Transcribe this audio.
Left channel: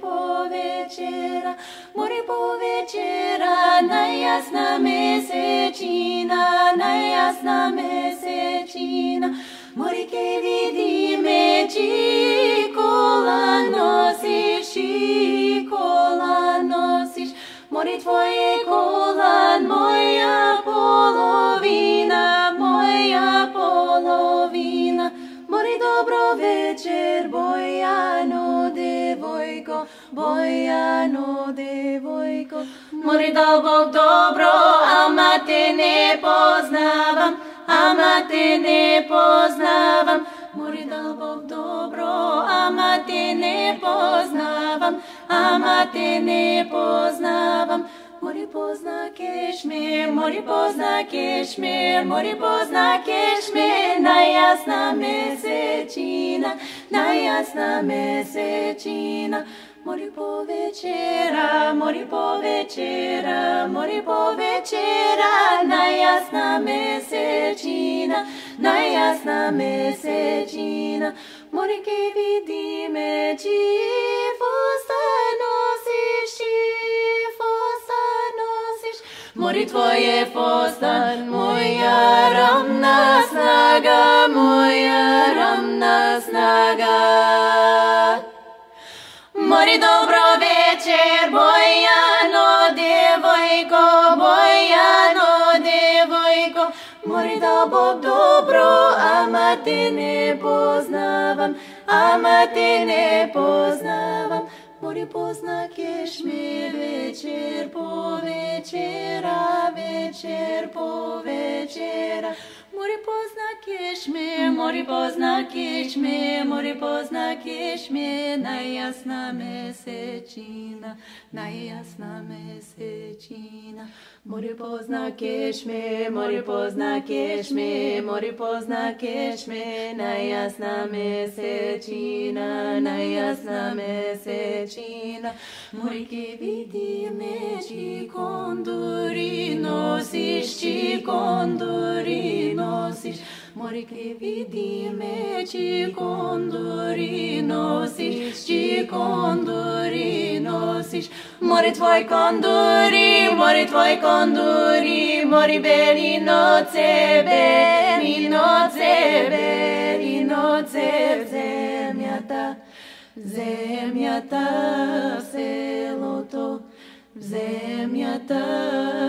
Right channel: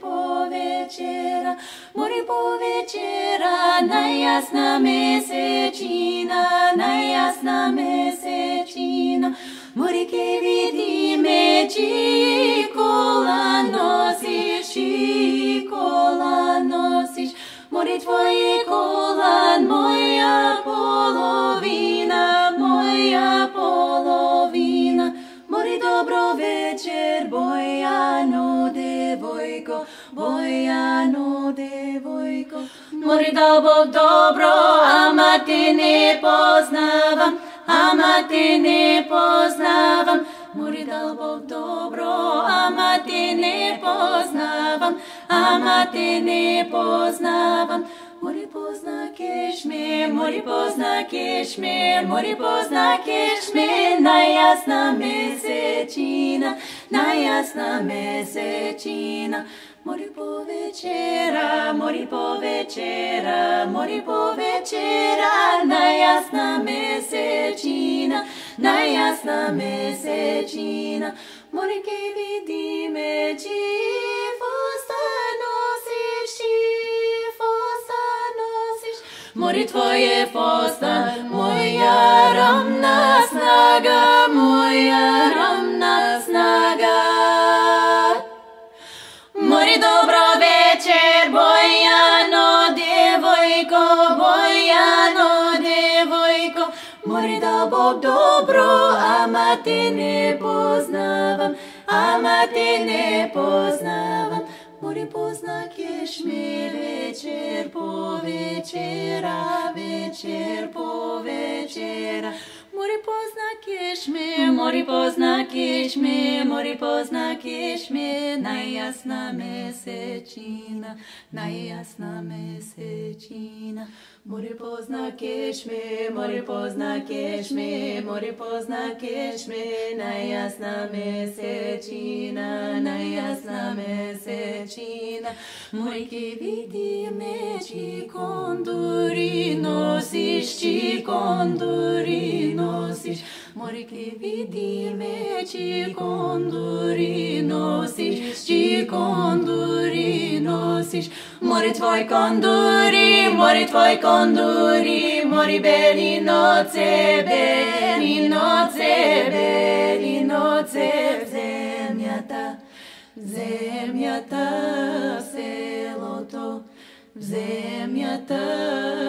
повечера, море повечера, najjasna mesečina, море ке видиме, чикола носиш, море твое колан, моя половина, море добро вечер, Bojano devojko, moре dal Bog dobro, ama te ne poznavam, moре dal Bog dobro, ama te ne poznavam, moре poznakeš me, najjasna mesečina, moре povečera, najjasna mesečina, moре ke vidime, fosta nosiš, moре tvoje fosta, moja ravna snaga. Moре dobro večer, Bojano devojko, moре dal Bog dobro, ama te ne poznavam, moре poznakeš me večer po večera, moре poznakeš me, najjasna mesečina, moре poznakeš me, najjasna mesečina, moре ke vidime, čikonduri nosiš, moре ke vidime, čikonduri nosiš, moре tvoj konduri, moре beli noce, zemlja ta, selo to, zemlja ta.